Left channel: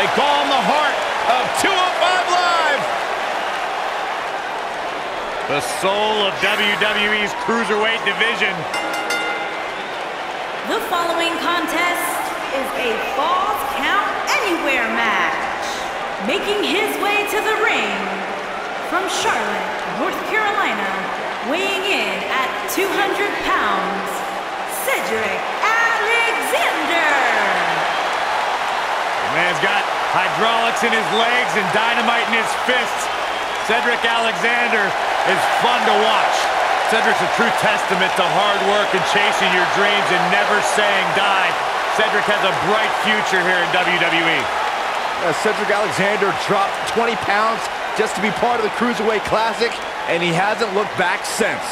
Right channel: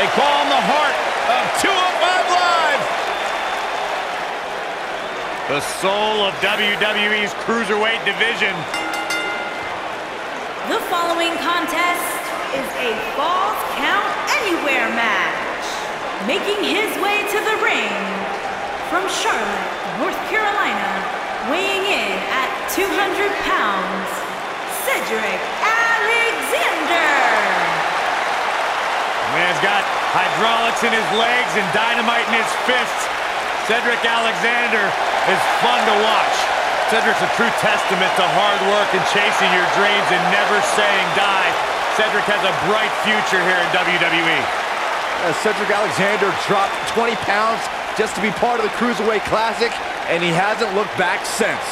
They call him the heart of 205 Live. The soul of WWE's Cruiserweight division. The following contest is a Falls Count Anywhere match. Making his way to the ring from Charlotte, North Carolina, weighing in at 200 pounds, Cedric Alexander. The man's got hydraulics in his legs and dynamite in his fists. Cedric Alexander is fun to watch. Cedric's a true testament to hard work and chasing your dreams and never saying die. Cedric has a bright future here in WWE. Cedric Alexander dropped 20 pounds just to be part of the Cruiserweight Classic, and he hasn't looked back since.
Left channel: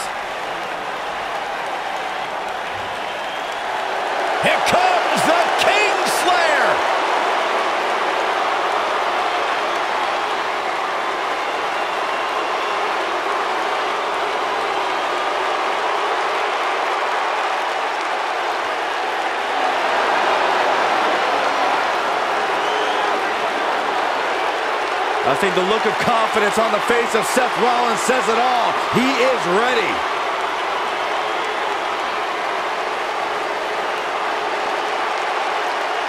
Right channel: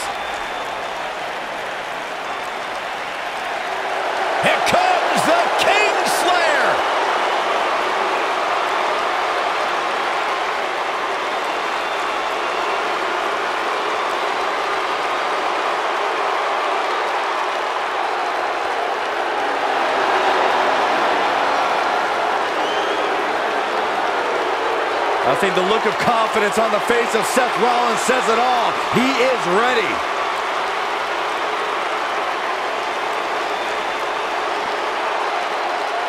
Here comes the Kingslayer! I think the look of confidence on the face of Seth Rollins says it all. He is ready.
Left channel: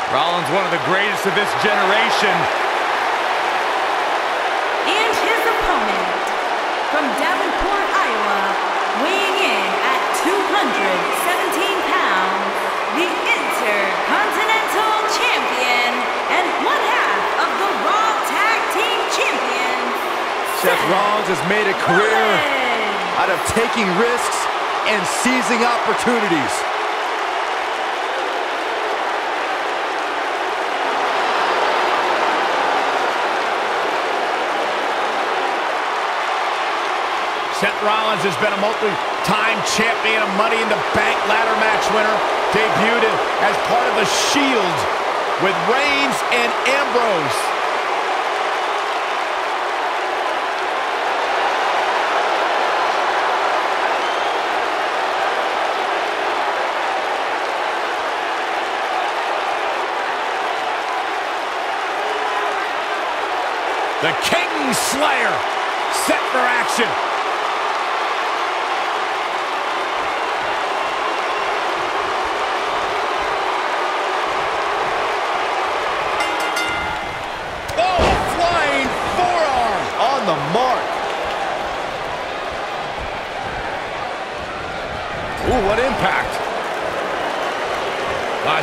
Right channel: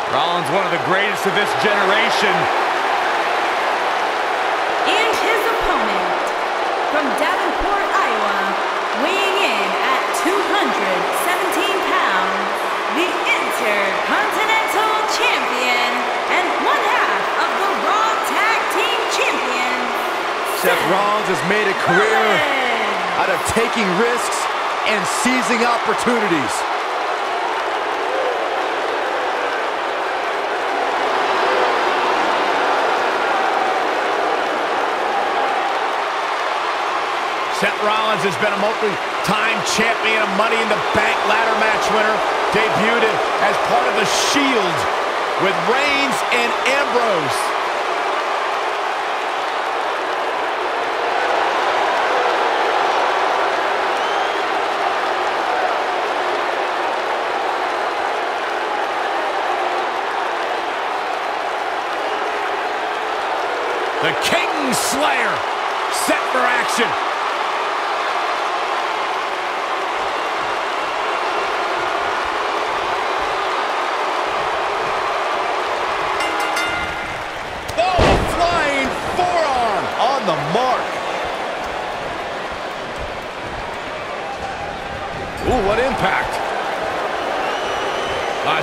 Rollins, one of the greatest of this generation. And his opponent, from Davenport, Iowa, weighing in at 217 pounds, the Intercontinental Champion and one half of the Raw Tag Team Champions, Seth Rollins has made a career Rollins. out of taking risks and seizing opportunities. Seth Rollins has been a multi-time champion, a Money in the Bank ladder match winner, debuted as part of the Shield with Reigns and Ambrose. The Kingslayer set for action. On the mark. Ooh, what impact.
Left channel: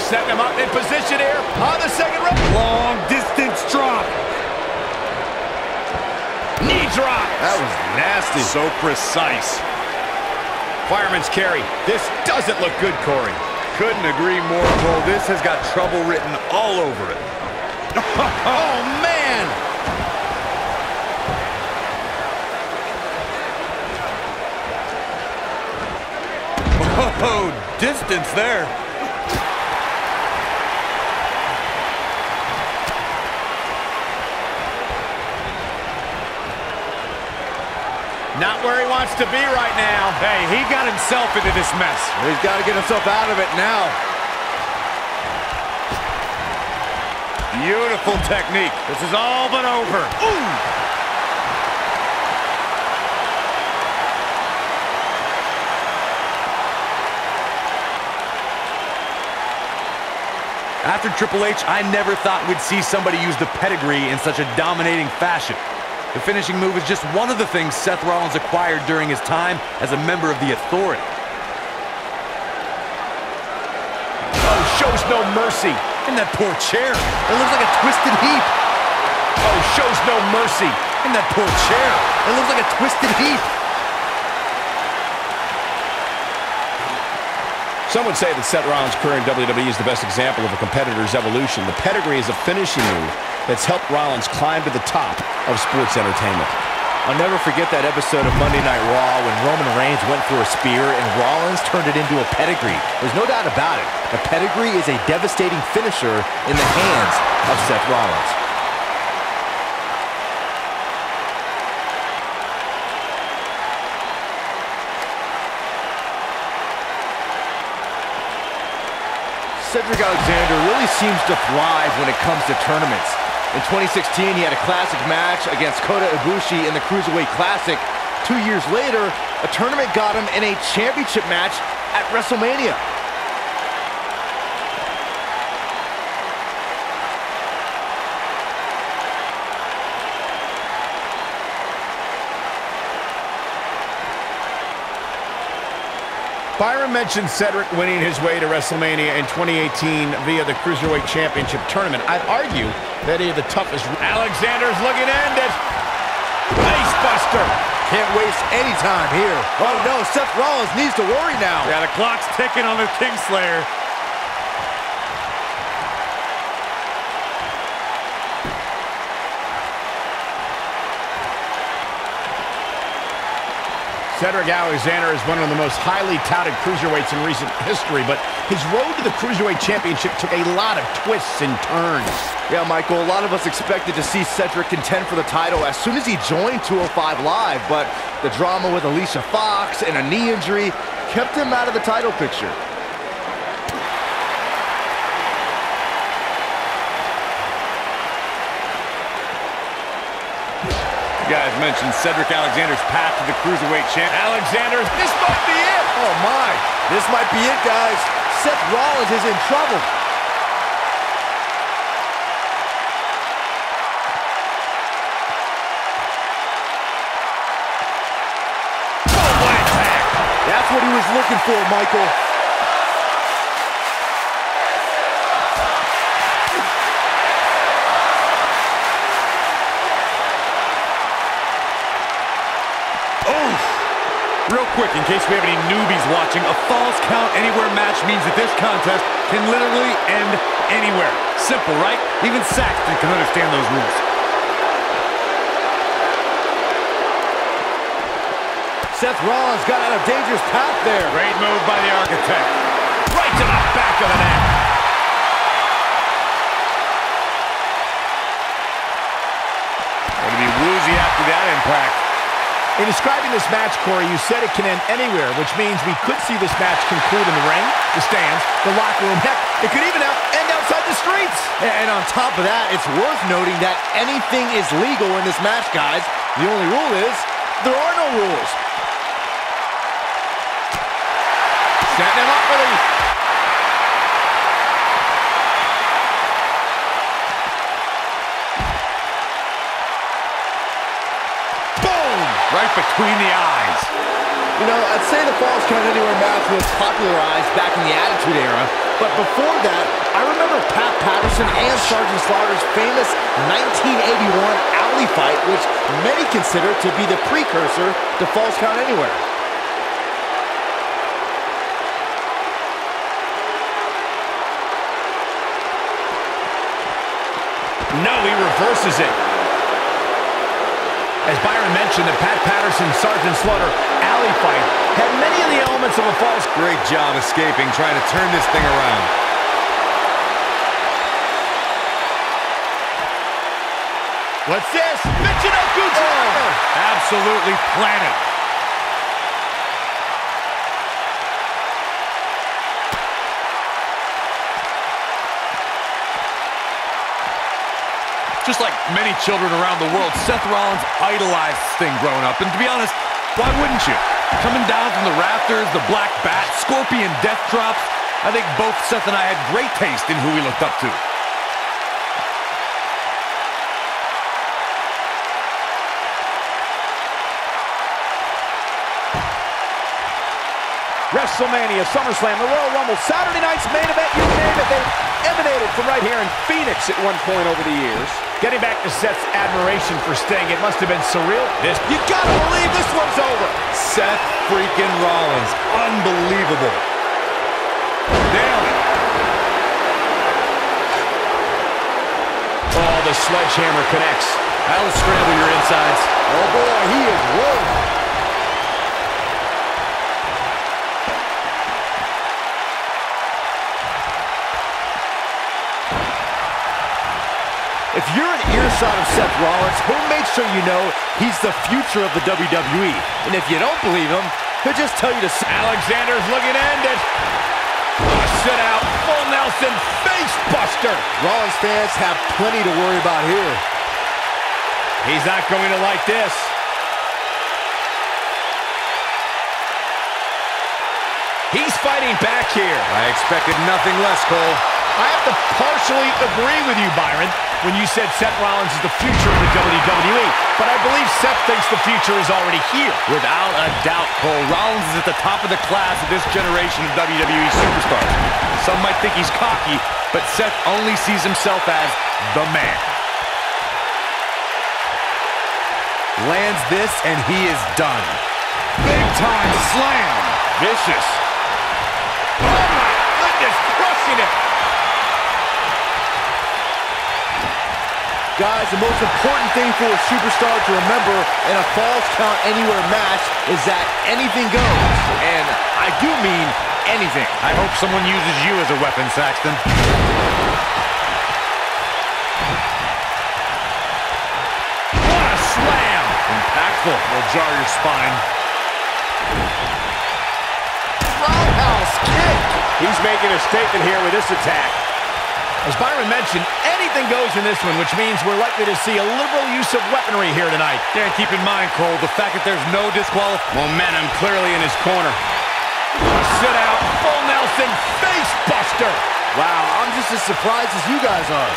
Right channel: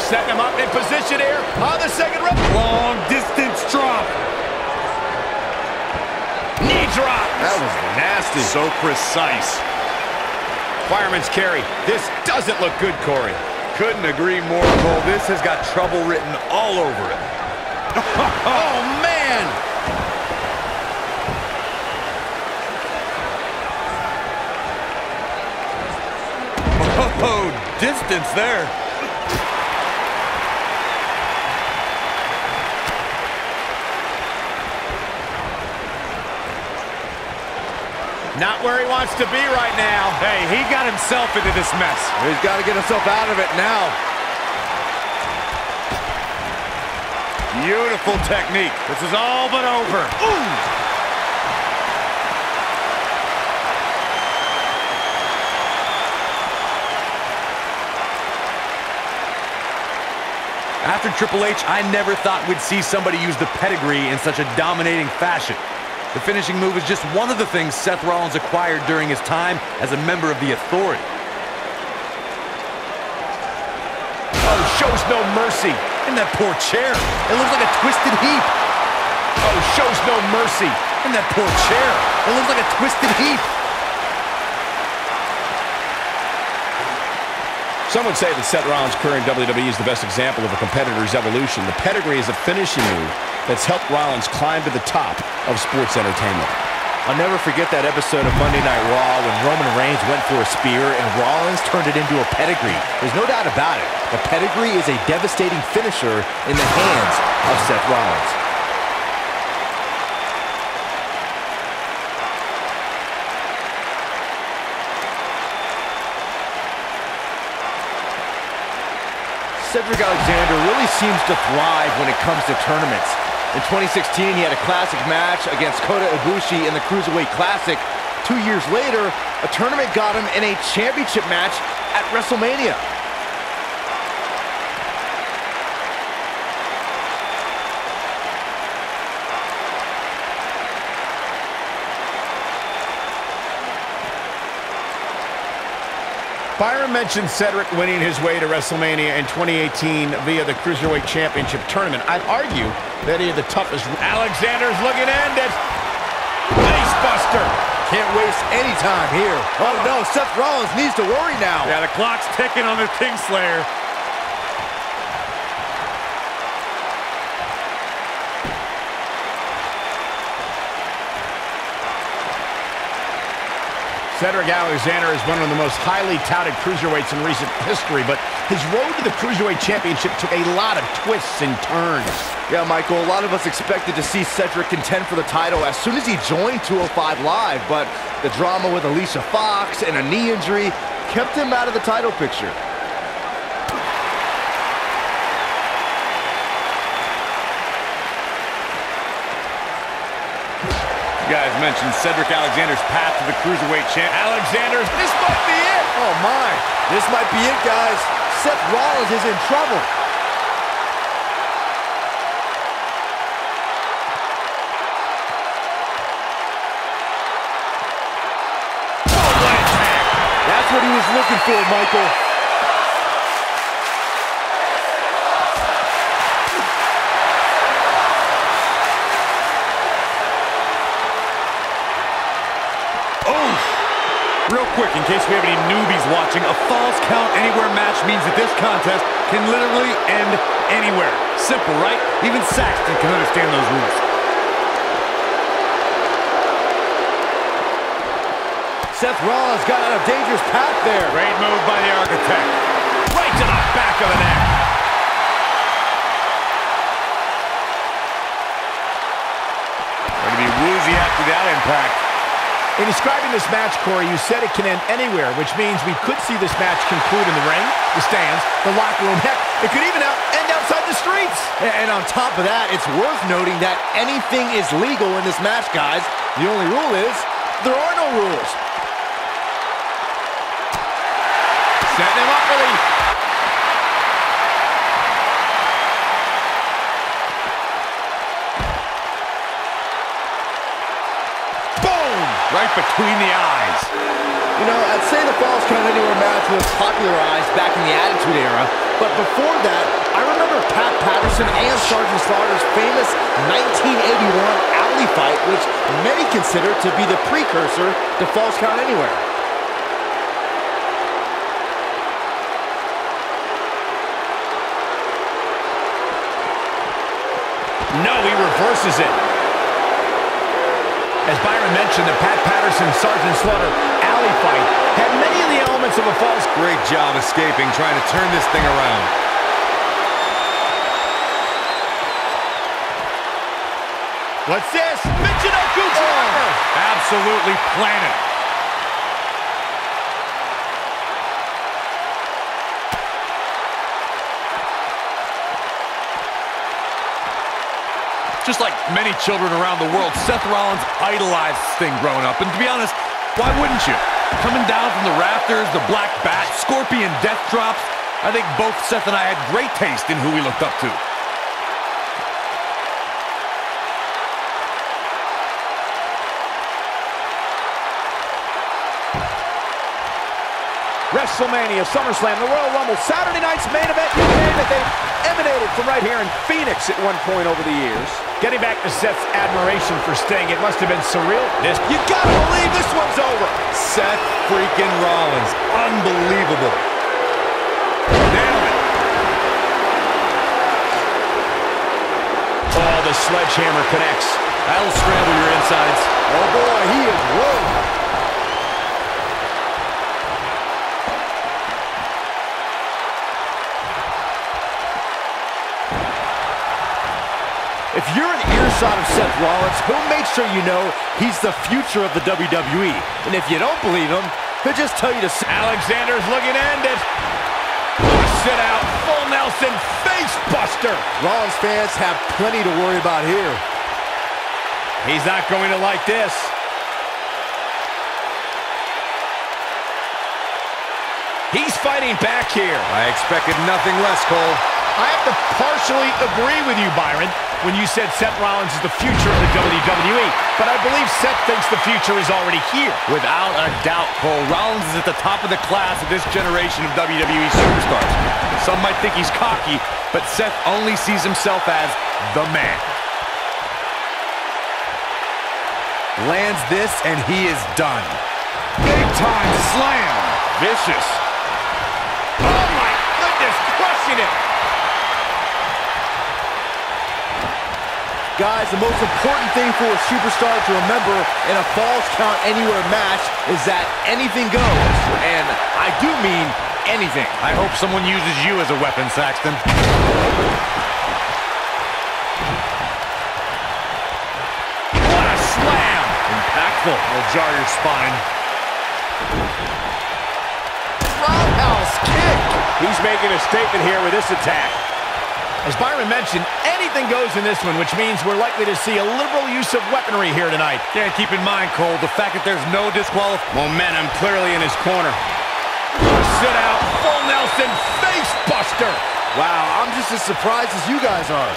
Setting him up in position here on the second rope. Long distance drop. Knee drop. That was nasty. So precise. Fireman's carry. This doesn't look good, Corey. Couldn't agree more, Cole. This has got trouble written all over it. Oh, man. Oh, distance there. Not where he wants to be right now. Hey, he got himself into this mess. He's got to get himself out of it now. Beautiful technique. This is all but over. Ooh! After Triple H, I never thought we'd see somebody use the pedigree in such a dominating fashion. The finishing move is just one of the things Seth Rollins acquired during his time as a member of the Authority. Oh, shows no mercy. And that poor chair. It looks like a twisted heap. Oh, shows no mercy. And that poor chair. It looks like a twisted heap. Some would say that Seth Rollins' career in WWE is the best example of a competitor's evolution. The pedigree is a finishing move that's helped Rollins climb to the top of sports entertainment. I'll never forget that episode of Monday Night Raw when Roman Reigns went for a spear and Rollins turned it into a pedigree. There's no doubt about it. The pedigree is a devastating finisher in the hands of Seth Rollins. Cedric Alexander really seems to thrive when it comes to tournaments. In 2016, he had a classic match against Kota Ibushi in the Cruiserweight Classic. 2 years later, a tournament got him in a championship match at WrestleMania. Byron mentioned Cedric winning his way to WrestleMania in 2018 via the Cruiserweight Championship Tournament. I'd argue that he had the toughest. Alexander's looking to end it. Face buster. Can't waste any time here. Oh no, Seth Rollins needs to worry now. Yeah, the clock's ticking on the Kingslayer. Cedric Alexander is one of the most highly touted cruiserweights in recent history, but his road to the Cruiserweight Championship took a lot of twists and turns. Yeah, Michael, a lot of us expected to see Cedric contend for the title as soon as he joined 205 Live, but the drama with Alicia Fox and a knee injury kept him out of the title picture. You guys mentioned Cedric Alexander's path to the Cruiserweight Champ. Alexander's, this might be it. Oh my, this might be it, guys. Seth Rollins is in trouble. Oh, what attack! That's what he was looking for, Michael. Real quick, in case we have any newbies watching, a Falls Count Anywhere match means that this contest can literally end anywhere. Simple, right? Even Saxton can understand those rules. Seth Rollins got out of dangerous path there. Great move by the Architect. Right to the back of the neck. Going to be woozy after that impact. In describing this match, Corey, you said it can end anywhere, which means we could see this match conclude in the ring, the stands, the locker room. Heck, it could even end outside the streets. And on top of that, it's worth noting that anything is legal in this match, guys. The only rule is there are no rules. Setting him up for the... Right between the eyes. You know, I'd say the Falls Count Anywhere match was popularized back in the Attitude Era, but before that, I remember Pat Patterson and Sergeant Slaughter's famous 1981 alley fight, which many consider to be the precursor to Falls Count Anywhere. No, he reverses it. As Byron mentioned, the Pat Patterson, Sergeant Slaughter alley fight had many of the elements of a false. Great job escaping, trying to turn this thing around. What's this? Michinoku driver! Absolutely planted. Just like many children around the world, Seth Rollins idolized this thing growing up. And to be honest, why wouldn't you? Coming down from the rafters, the black bat, scorpion death drops. I think both Seth and I had great taste in who we looked up to. WrestleMania, SummerSlam, the Royal Rumble, Saturday night's main event, you name it. They've emanated from right here in Phoenix at one point over the years. Getting back to Seth's admiration for Sting, it must have been surreal. You gotta believe this one's over. Seth freaking Rollins. Unbelievable. Nailed it. Oh, the sledgehammer connects. That'll scramble your insides. Oh boy, he is rolling. If you're an earshot of Seth Rollins, he'll make sure you know he's the future of the WWE. And if you don't believe him, he'll just tell you to... Alexander's looking to end it. Sit out, full Nelson, face buster. Rollins fans have plenty to worry about here. He's not going to like this. He's fighting back here. I expected nothing less, Cole. I have to partially agree with you, Byron, when you said Seth Rollins is the future of the WWE. But I believe Seth thinks the future is already here. Without a doubt, Cole. Rollins is at the top of the class of this generation of WWE superstars. Some might think he's cocky, but Seth only sees himself as the man. Lands this, and he is done. Big time slam. Vicious. Oh, my goodness, crushing it. Guys, the most important thing for a superstar to remember in a Falls Count Anywhere match is that anything goes. And I do mean anything. I hope someone uses you as a weapon, Saxton. What a slam. Impactful. Will jar your spine. Roundhouse kick. He's making a statement here with this attack. As Byron mentioned, anything goes in this one, which means we're likely to see a liberal use of weaponry here tonight. Yeah, keep in mind, Cole, the fact that there's no disqualification. Momentum clearly in his corner. Sit out, full Nelson, face buster. Wow, I'm just as surprised as you guys are.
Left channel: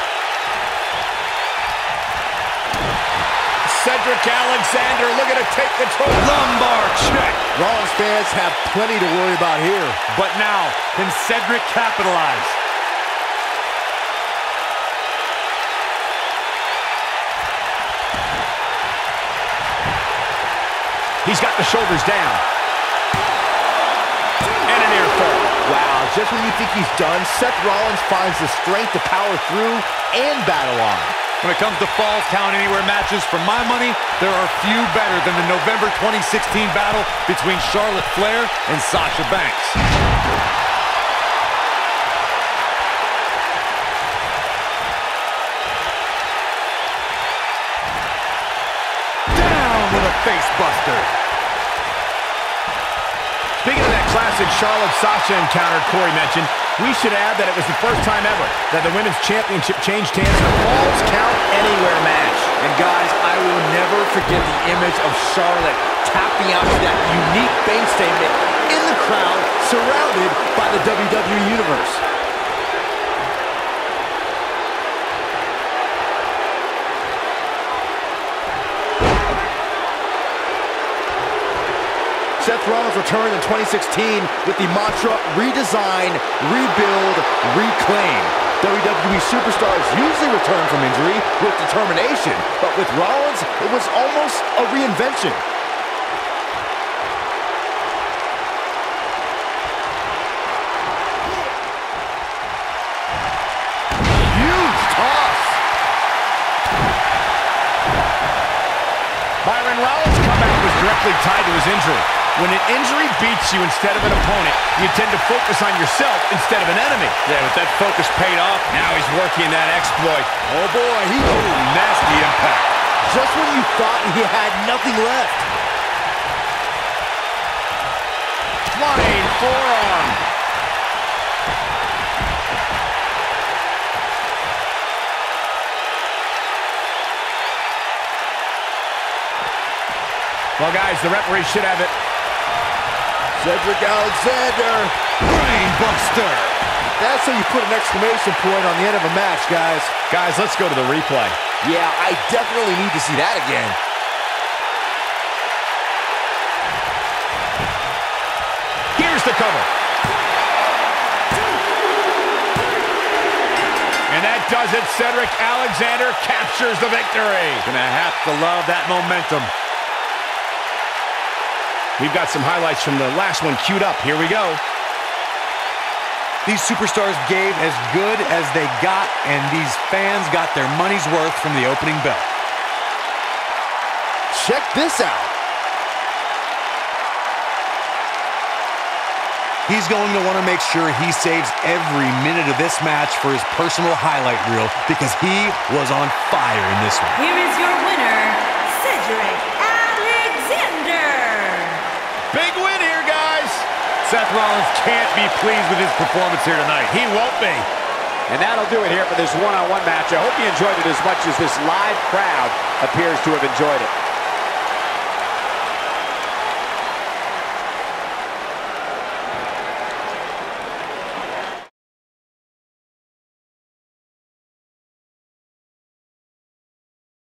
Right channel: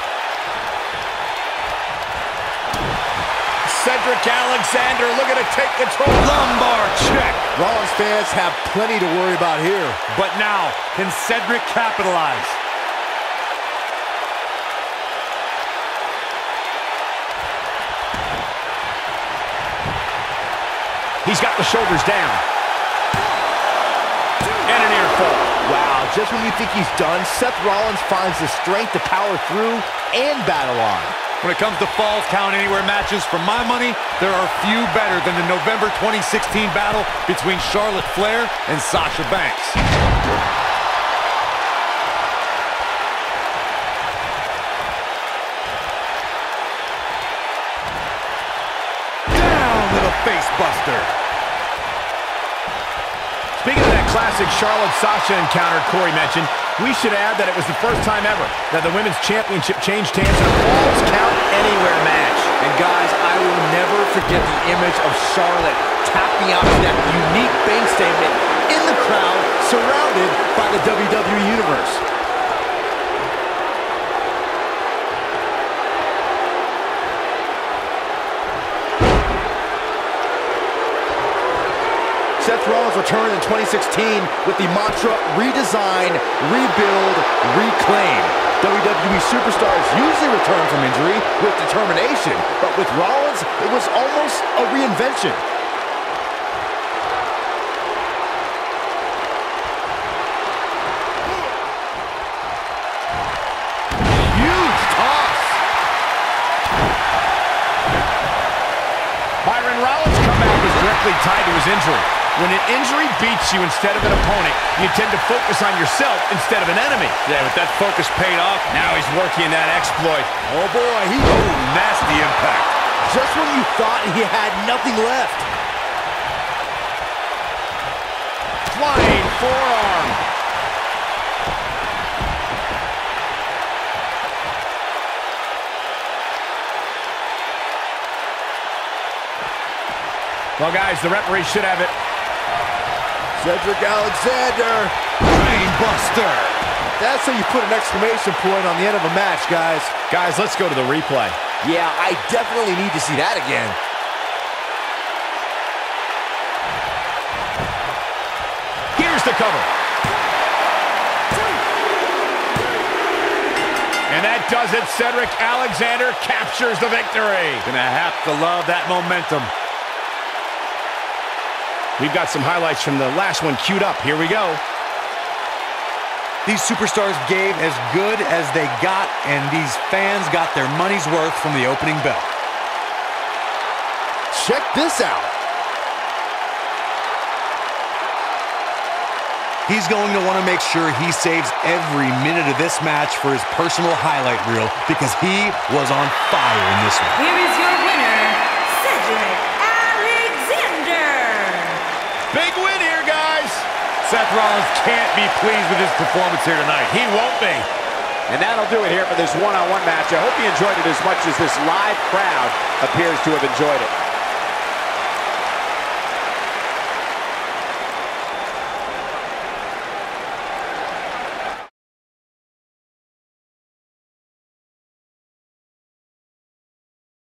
Cedric Alexander looking to take control. Lumbar check. Rollins fans have plenty to worry about here. But now, can Cedric capitalize? He's got the shoulders down. And an ear fall. Wow, just when you think he's done, Seth Rollins finds the strength to power through and battle on. When it comes to Falls Count Anywhere matches, for my money, there are few better than the November 2016 battle between Charlotte Flair and Sasha Banks. Down with a face buster. Speaking of that classic Charlotte-Sasha encounter Corey mentioned, we should add that it was the first time ever that the Women's Championship changed hands in a Falls Count Anywhere match. And guys, I will never forget the image of Charlotte tapping out to that unique bank statement in the crowd, surrounded by the WWE Universe. Seth Rollins returned in 2016 with the mantra, redesign, rebuild, reclaim. WWE superstars usually return from injury with determination, but with Rollins, it was almost a reinvention. Huge toss. Byron Rollins' comeback was directly tied to his injury. When an injury beats you instead of an opponent, you tend to focus on yourself instead of an enemy. Yeah, but that focus paid off. Now he's working that exploit. Oh boy, Nasty impact. just when you thought he had nothing left. Flying forearm. Well, guys, the referee should have it. Cedric Alexander. Brainbuster. That's how you put an exclamation point on the end of a match, guys. Guys, let's go to the replay. Yeah, I definitely need to see that again. Here's the cover. And that does it. Cedric Alexander captures the victory. Gonna have to love that momentum. We've got some highlights from the last one queued up. Here we go. These superstars gave as good as they got, and these fans got their money's worth from the opening bell. Check this out. He's going to want to make sure he saves every minute of this match for his personal highlight reel, because he was on fire in this one. Here is your winner, Cedric Alexander. Big win here, guys. Seth Rollins can't be pleased with his performance here tonight. He won't be. And that'll do it here for this one-on-one match. I hope you enjoyed it as much as this live crowd appears to have enjoyed it.